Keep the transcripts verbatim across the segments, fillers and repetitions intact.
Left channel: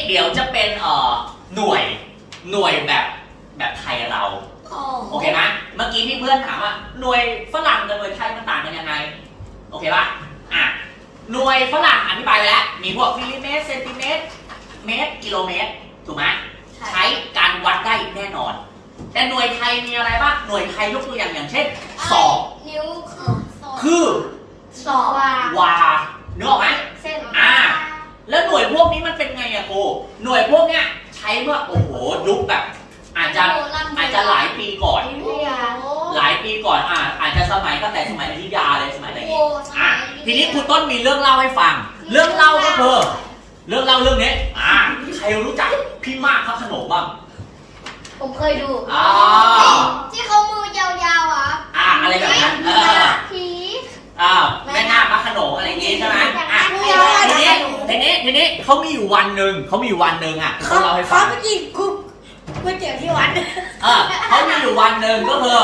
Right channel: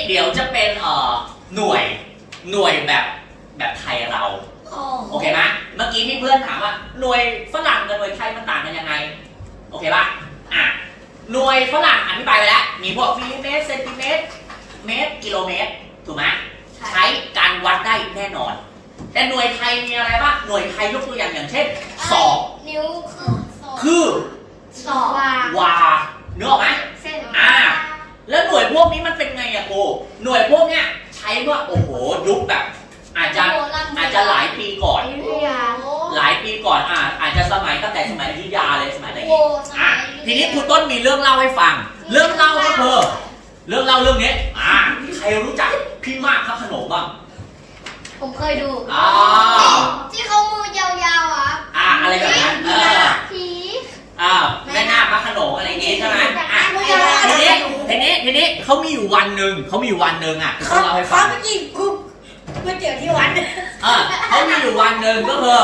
เดี๋ยวจะเป็นเอ่อหน่วยหน่วยแบบแบบไทยเราโอเคไหมเมื่อกี้พี่เพื่อนถามว่าหน่วยฝรั่งกับหน่วยไทยมันต่างกันยังไงโอเคป่ะอ่ะหน่วยฝรั่งอธิบายไปแล้วมีพวกมิลลิเมตรเซนติเมตรเมตรกิโลเมตรถูกไหมใช้การวัดได้แน่นอนแต่หน่วยไทยมีอะไรบ้างหน่วยไทยยกตัวอย่างอย่างเช่นศอกนิ้วคือศอกวาเนื้อออกไหมอ่าแล้วหน่วยพวกนี้มันเป็นไงอะโกหน่วยพวกเนี้ยใช้ว่าโอ้โหยุคแบบอาจจะอาจจะหลายปีก่อนหลายปีก่อนอ่าอาจจะสมัยตั้งแต่สมัยอยุธยาเลยสมัยไหนอ่ะทีนี้ครูต้นมีเรื่องเล่าให้ฟังเรื่องเล่าก็คือเรื่องเล่าเรื่องนี้อ่าใครรู้จักพี่มากพระโขนงบ้างผมเคยดูอ่าที่เขามือยาวๆอ่ะอ่าอะไรแบบนั้นเออผีอ่าแม่นาคพระโขนงอะไรอย่างงี้ใช่ไหมอ่ะทีนี้ทีนี้ทีนี้เขามีอยู่วันหนึ่งเขามีวันหนึ่งอ่ะเขาเล่าให้ฟังเขาไปกินกุ๊บไม่เจอที่วัดเออเขามีอยู่วันหนึ่งก็คือ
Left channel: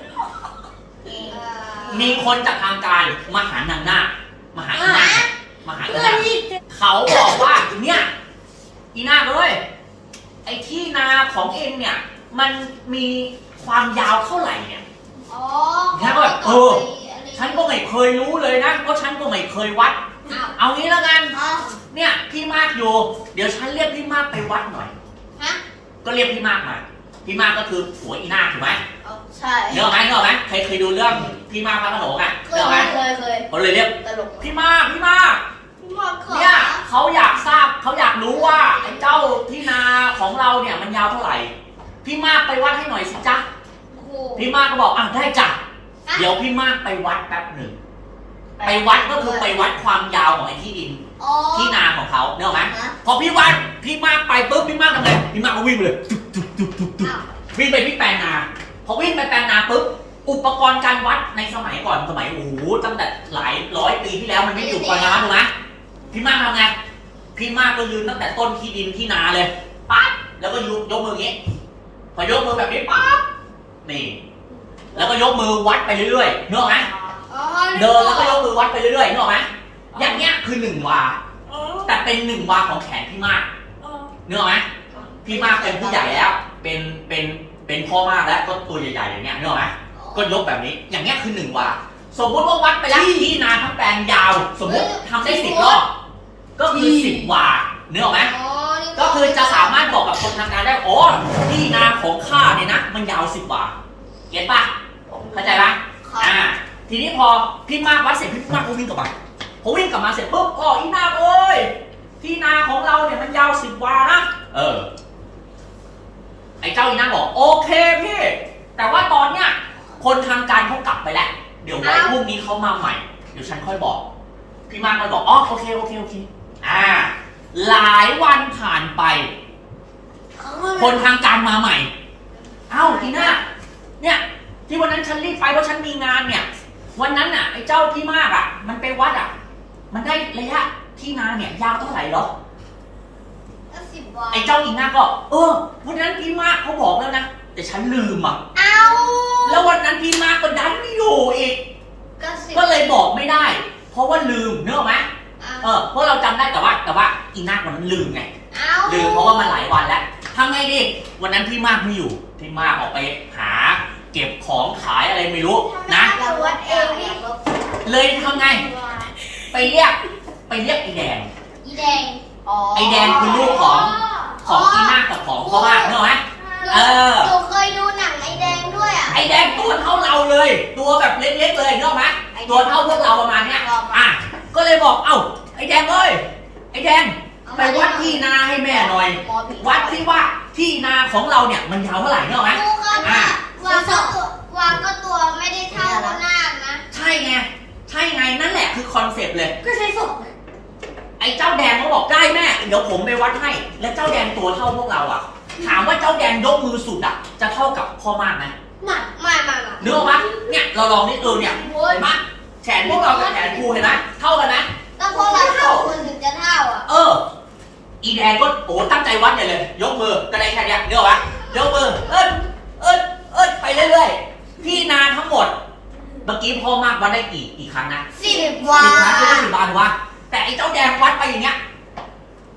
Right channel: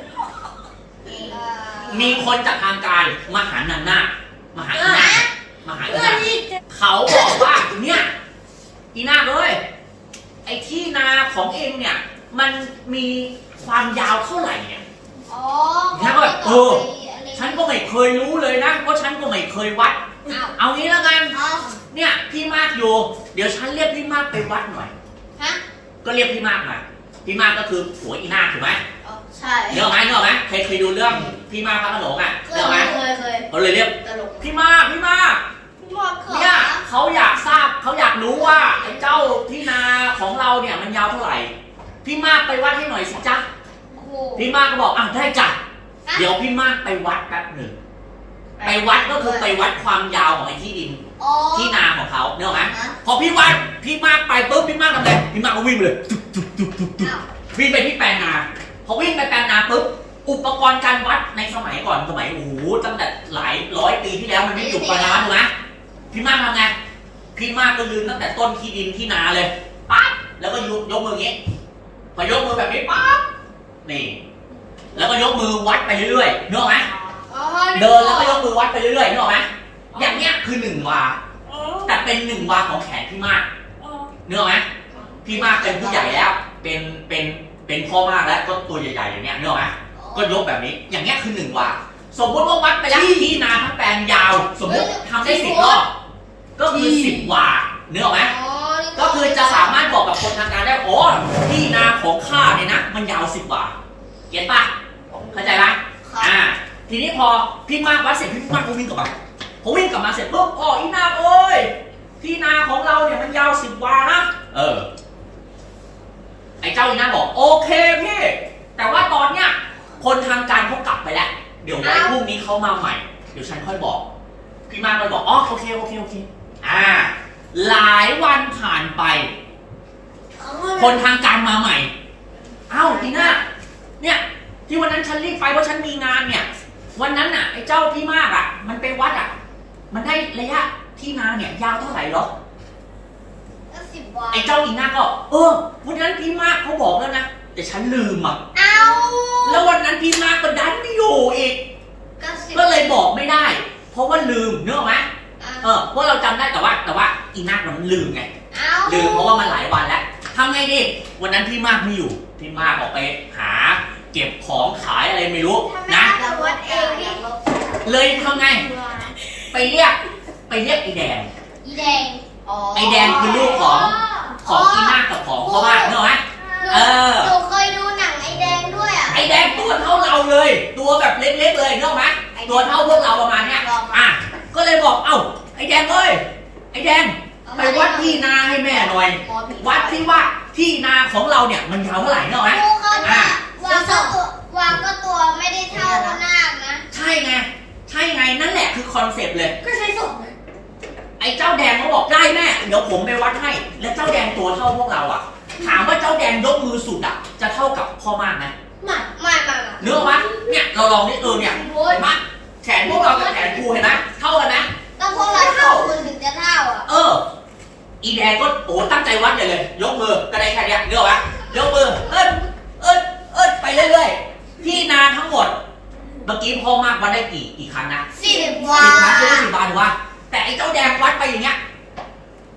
มีคนจากทางไกลมาหานางนาคมาหาอีนาคมาหาอีนาคเขาบอกว่าเนี่ยอีนาคเอ้ยไอ้ที่นาของเองเนี่ยมันมีความยาวเท่าไหร่เนี่ยเนี่ยก็แบบเออฉันก็ไม่เคยรู้เลยนะเพราะฉันก็ไม่เคยวัดเอางี้แล้วกันเนี่ยพี่มากอยู่เดี๋ยวฉันเรียกพี่มากไปวัดหน่อยก็เรียกพี่มากมาพี่มากก็คือผัวอีนาคถูกไหมใช่เนอะไหมเนอะไหมเคยเคยดูเรื่องพี่มากพระโขนงอ่ะเนอะไหมเคยเคยเขาเลยเรียกพี่มากพี่มากเนี่ยเขาอยากทราบเขาอยากรู้ว่าไอ้เจ้าที่นาของเราเนี่ยมันยาวเท่าไหร่พี่มากไปวัดให้หน่อยสิจ๊ะพี่มากก็บอกอ่ะได้จ้ะเดี๋ยวพี่มากไปวัดแป๊บหนึ่งไปวัดก็คือไปวัดความยาวของไอ้ที่ดินที่นาของเขาเนอะไหมพอพี่วัดพี่มากไปปุ๊บพี่มากทำไงพี่มากก็วิ่งไปเลยวิ่งไปที่แปลงนาพอวิ่งไปแปลงนาปุ๊บอุปกรณ์การวัดในสมัยก่อนสมัยโอ้โหตั้งแต่หลายร้อยปีที่แล้วมันไม่มีอุปกรณ์การวัดถูกไหมพี่มากทำไงพี่มากก็ยืนตั้งแต่ต้นที่ดินที่นาเลยปั๊บแล้วก็ยกยกมืออย่างนี้พอยกมือแบบนี้ปั๊บนี่แล้วก็ยกมือวัดไปเรื่อยๆนึกออกไหมเดินแล้วก็ยกมือวัดไปเรื่อยๆนึกออกไหมอย่างเนี้ยคือหนึ่งวาแต่เป็นหนึ่งวาของแขนพี่มากนึกออกไหมพี่มากเป็นผู้ใหญ่แล้วเป็นเป็นเป็นพ่อมากแล้วก็ตัวใหญ่ๆอย่างเนี้ยนึกออกไหมก็ยกแบบนี้อย่างเนี้ยคือหนึ่งวาสมมติว่าวัดไปแล้วที่นาทั้งแปลงยาวสมมติทำได้สิบรอบก็คือสิบวานึกออกไหมก็คือจะสามารถบอกกับคนทางการได้โอ้ที่นาของข้าเนี่ยนะมันยาวสิบวาเก็ตป่ะเข้าใจไหมอ่าทีนี้พอพี่มากวัดเสร็จพี่มากก็วิ่งกลับมาพอวิ่งกลับมาเสร็จปุ๊บอ๋ออีนาเอ้ยที่นาของเราเนี่ยมันยาวสิบวานะเออไอ้เจ้าอีนาบอกโอเคพี่แต่ว่าตอนเนี้ยคนทางการเขากลับไปแล้วเดี๋ยวไว้พรุ่งนี้เขามาใหม่เดี๋ยวฉันค่อยบอกพี่มากเลยบอกอ๋อโอเคโอเคโอเคอ่าหลายวันผ่านไปคนทางการมาใหม่เอ้าอีนาเนี่ยที่วันนั้นฉันรีบไปเพราะฉันมีงานเนี่ยวันนั้นน่ะไอ้เจ้าพี่มากอ่ะมันไปวัดอ่ะมันได้ระยะที่นาเนี่ยยาวเท่าไหร่หรอไอ้เจ้าอีนาก็เออวันนั้นพี่มากเขาบอกแล้วนะแต่ฉันลืมอ่ะเอาแล้ววันนั้นพี่มากก็ดันไม่อยู่อีกก็เลยบอกไม่ได้เพราะว่าลืมเนอะไหมเออเพราะเราจำได้แต่ว่าแต่ว่าอีนาวันนั้นลืมไงลืมเพราะว่ามันหลายวันแล้วทำไงดีวันนั้นพี่มากไม่อยู่พี่มากออกไปหาเก็บของขายอะไรไม่รู้นะเลยทำไงไปเรียกไปเรียกไอ้แดงอีแดงไอ้แดงคือลูกของของพี่มากกับของพ่อมากเนอะไหมเออหนูเคยดูหนังไอ้แดงด้วยอ่ะไอ้แดงตัวเท่าเราเลยตัวแบบเล็กๆเลยเนอะไหมตัวเท่าพวกเราประมาณเนี้ยอ่ะก็เลยบอกเอ้าไอ้แดงเอ้ยไอ้แดงไปวัดที่นาให้แม่หน่อยวัดที่ว่าที่นาของเราเนี่ยมันยาวเท่าไหร่เนอะไหมอ่ะวางก็ตัววางก็ตัวไม่ได้เท่าหน้านะใช่ไงใช่ไงนั่นแหละคือคอนเซ็ปต์เลยก็ใช้สองไอ้เจ้าแดงเขาบอกได้แม่เดี๋ยวผมไปวัดให้แล้วเจ้าแดงตัวเท่าพวกเราอ่ะถามว่าเจ้าแดงยกมือสุดอ่ะจะเท่ากับพ่อมากไหมไม่ไม่ไม่เนื้อมั้ยเนี่ยเราลองนี่เออเนี่ยมาแขนพวกเรากับแขนกูเห็นไหมเท่ากันไหมต้องพวกเราเท่าคุณถึงจะเท่าอ่ะเอออีแดงก็โอ้ตั้งใจวัดเลยยกมือกระไดแค่นี้เนื้อวะยกมือเอิ้นเอิ้นเอิ้นไปเรื่อยๆที่นาทั้งหมดเมื่อกี้พ่อมากวัดได้กี่กี่ครั้งนะสี่สิบวาสี่ครั้งก็ได้สิบบาทวะแต่ไอ้เจ้าแดงวัดไปอย่างเงี้ยไอ้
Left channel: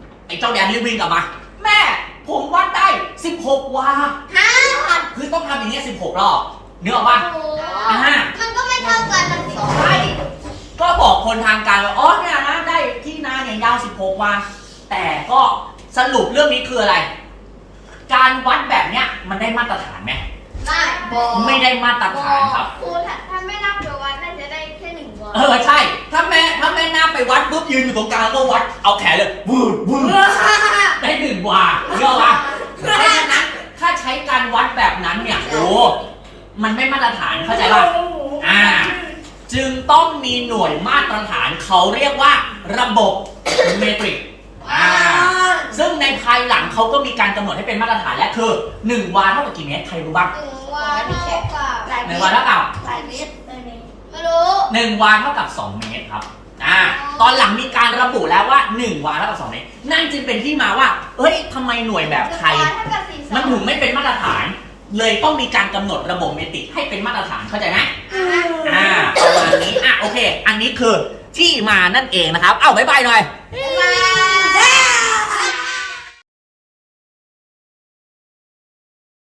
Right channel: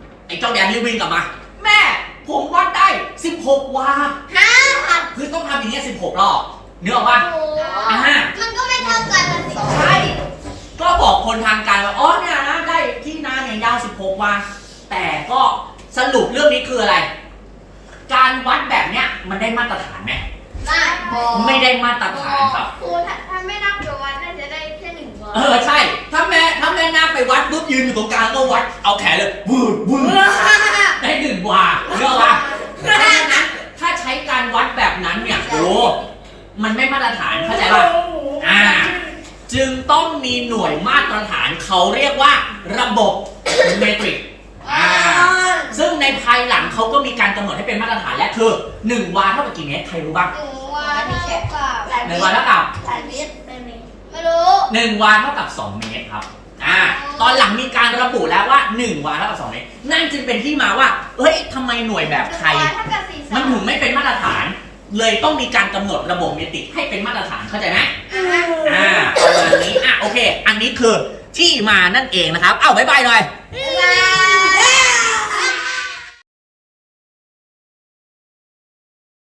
เจ้าแดนรีบวิ่งกลับมาแม่ผมวัดได้สิบหกวาฮะคือต้องทำอย่างเงี้ยสิบหกรอบเนื้อออกป่ะมันก็ไม่เท่ากันมันสองใช่ก็บอกคนทางการว่าอ๋อเนี่ยนะได้ที่นาเนี่ยยาวสิบหกวาแต่ก็สรุปเรื่องนี้คืออะไร การวัดแบบเนี้ยมันได้มาตรฐานไหมได้บอไม่ได้มาตรฐานครับครูถ้าไม่นับเดี๋ยววันน่าจะได้แค่หนึ่งวันเออใช่ ถ้าแม่ถ้าแม่นาไปวัดปุ๊บยืนอยู่ตรงกลางก็วัดเอาแขนเลยบูดบูดได้หนึ่งวาเยอะวะเพราะฉะนั้นถ้าใช้การวัดแบบนั้นเนี่ยโอ้มันไม่มาตรฐานเข้าใจป่ะอ่าจึงต้องมีหน่วยมาตรฐานเขาเรียกว่าระบบเมตริกอ่าซึ่งในภายหลังเขาก็มีการกำหนดให้เป็นมาตรฐานและคือหนึ่งวาเท่ากับกี่เมตรใครรู้บ้างหนึ่งวันเท่ากับหลายหเมนึ่งตวาร เท่ากับหลายเมตรไม่รู้หนึ่งวาเท่ากับสองเมตรครับอ่าตอนหลังมีการระบุแล้วว่าหนึ่งวาเท่ากับสองเมตรนั่นจึงเป็นที่มาว่าเฮ้ยทำไมหน่วยแบบไทยมันถึงไม่เป็นมาตรฐาน เลยต้องมีการกำหนดระบบเมตริกให้เป็นมาตรฐานเข้าใจไหมอ่าประมาณนี้อ่ะโอเค อันนี้คือที่มานั่นเองนะครับเอ้าบ๊ายบายหน่อยบ๊ายบาย